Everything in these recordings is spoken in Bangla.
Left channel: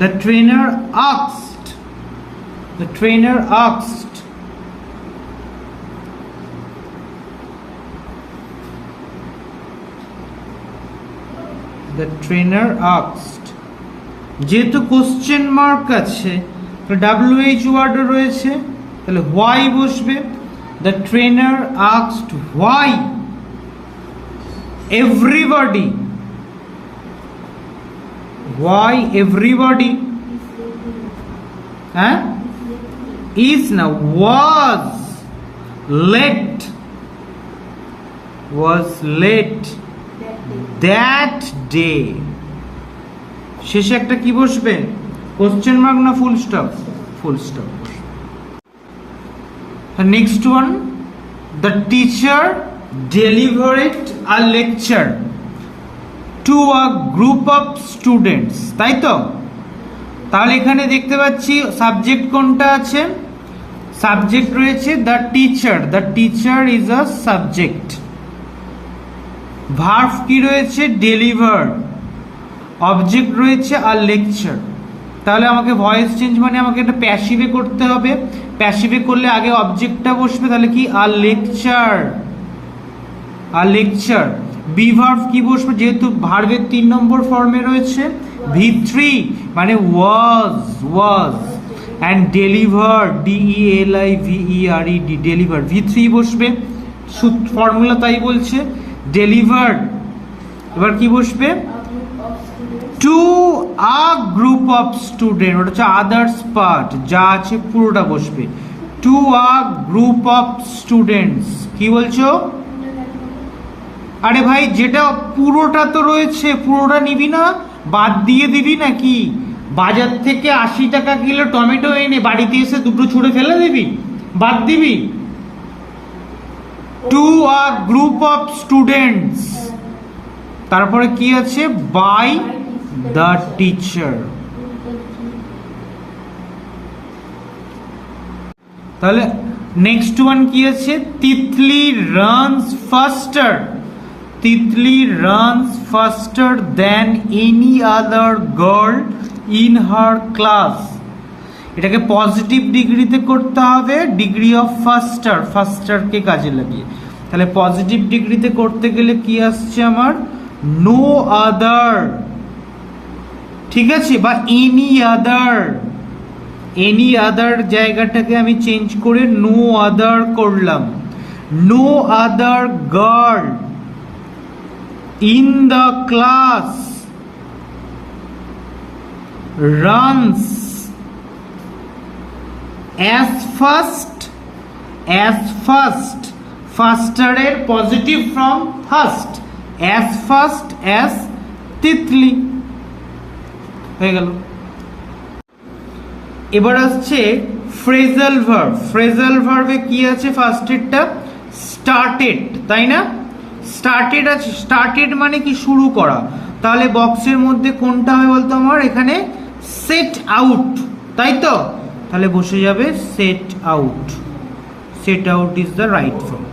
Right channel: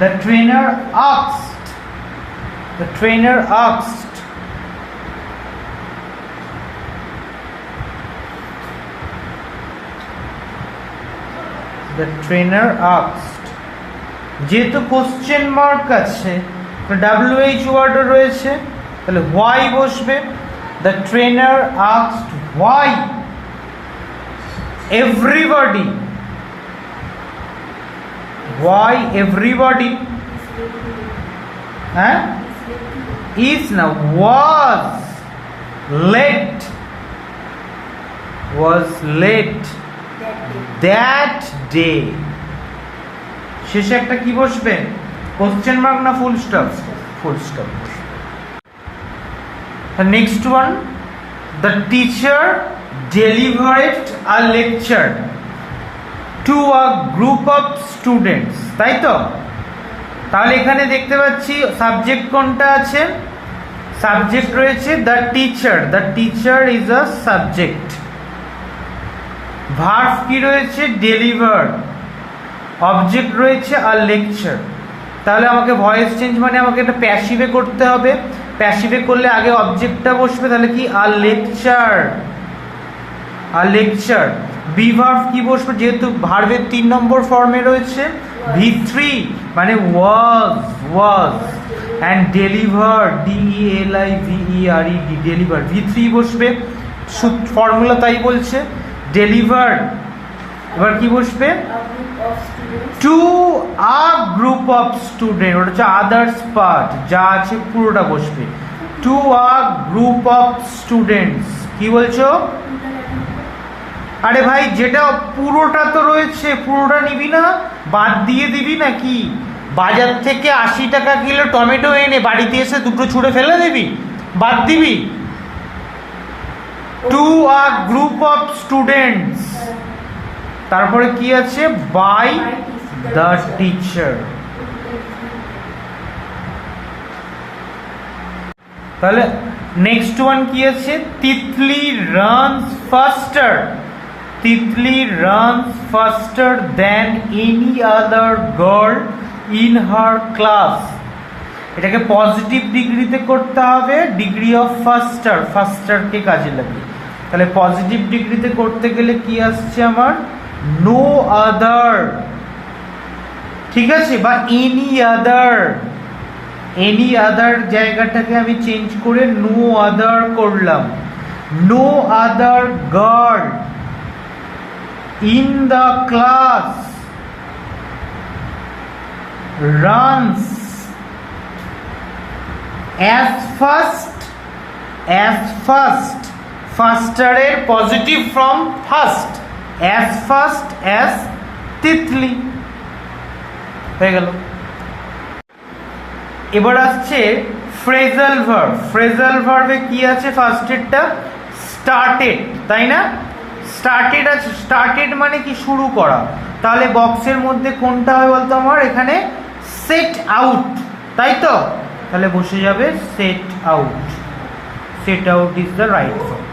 The trainer asked. The trainer asked. The trainer asked. যেহেতু কোশ্চেন মার্ক আছে তো WH ওয়ার্ড রয়েছে তাহলে why বসবে. The trainer asked why everybody is now was late that day. শেষে একটা কি বসবে, কোশ্চেন মার্ক না full stop? Full stop. Next one, the teacher delivered a lecture to a group of students. তাই তো? তাহলে এখানে দেখতে পাচ্ছি সাবজেক্ট কোনটা আছে? সাবজেক্ট রয়েছে the teacher. The teacher is a subject. Verb কি রয়েছে? ডেলিভার. অবজেক্ট রয়েছে আর লেকচার. তাহলে আমাকে ভয়েস চেঞ্জ মানে আমাকে এটা প্যাসিভে করতে হবে. প্যাসিভে করলে আগে অবজেক্টটা বসবে, তাহলে কি আর লেকচার. আর লেকচার. বি ভার্ব কি বসবে? যেহেতু ভার্বের 3 নম্বর ফর্মে রয়েছে V3 মানে was. And deliver DELIVERED deliver. V3 বসবে, ফর্মুলা তাই বলছে ডেলিভার. এবার কি বসবে? To a group of student. ওটা হচ্ছে আদার্স পার্ট, যা আছে পুরোটা বসবে. To a group of students. কি বলছো? আরে ভাই যেটা পুরোটা তো রয়েছে, পুরোটা নিবি না, বাদ দিয়ে দিবি নাকি? বাজার থেকে 80 টাকা কিলো টমেটো এনে বাড়িতে এসে দুটো ছুঁড়ে ফেলে দিবি? বাদ দিবি? To a group of students. তারপরে কি আছে? By the teacher. তাহলে নেক্সট ওয়ান কি আছে? Titli runs faster. Titli runs faster than any other girl in her class. এটাকে পজিটিভ ডিগ্রিতে করতে হবে, ডিগ্রি অফ ফাস্টার. ফাস্টারকে কাজে লাগিয়ে. তাহলে পজিটিভ ডিগ্রিতে করতে গেলে কি আসছে আমার? No other. ঠিক আছে? বা এনি আদার. এনি আদার জায়গাটাকে আমি চেঞ্জ করে নো আদার করলাম. No other girl in the class runs as fast. ফাস্টারের positive form fast. As fast as Titli. হয়ে গেল. এবার আসছে ফ্রেজাল ভার্ব. ফ্রেজাল ভার্বে কি আছে? ফার্স্টেরটা স্টার্টেড, তাই না? স্টার্টেড আছে. স্টার্টেড মানে কি? শুরু করা. তাহলে বক্সের মধ্যে কোনটা হবে বলতো আমার? এখানে সেট আউট, তাই তো? তাহলে বসে যাবে set out. Set out is the right form.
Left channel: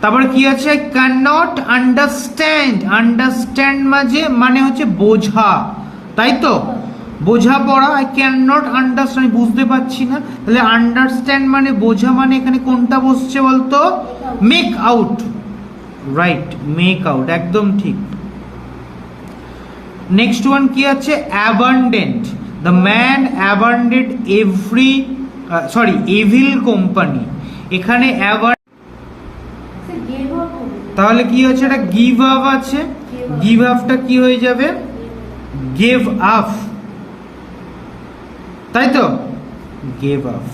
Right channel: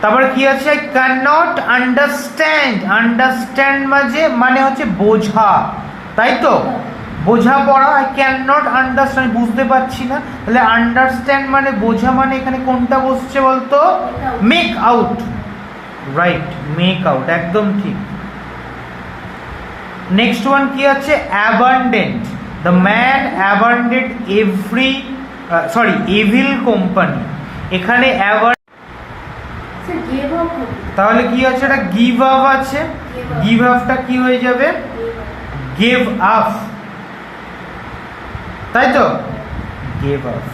তারপরে কি আছে? I can not understand. Understand মানে হচ্ছে বোঝা, তাই তো? বোঝা পড়া. আই ক্যান নট আন্ডারস্ট্যান্ড, বুঝতে পারছি না. তাহলে আন্ডারস্ট্যান্ড মানে বোঝা, মানে এখানে কোনটা বসছে বলতো? Make out. Right, make out, একদম ঠিক. নেক্সট ওয়ান কি আছে? Abundant. The man abandoned evil company. এখানে তাহলে কি আছে? এটা গিভ আপ আছে. গিভ আপটা কি হয়ে যাবে? গেভ আপ, তাই তো? Gave up.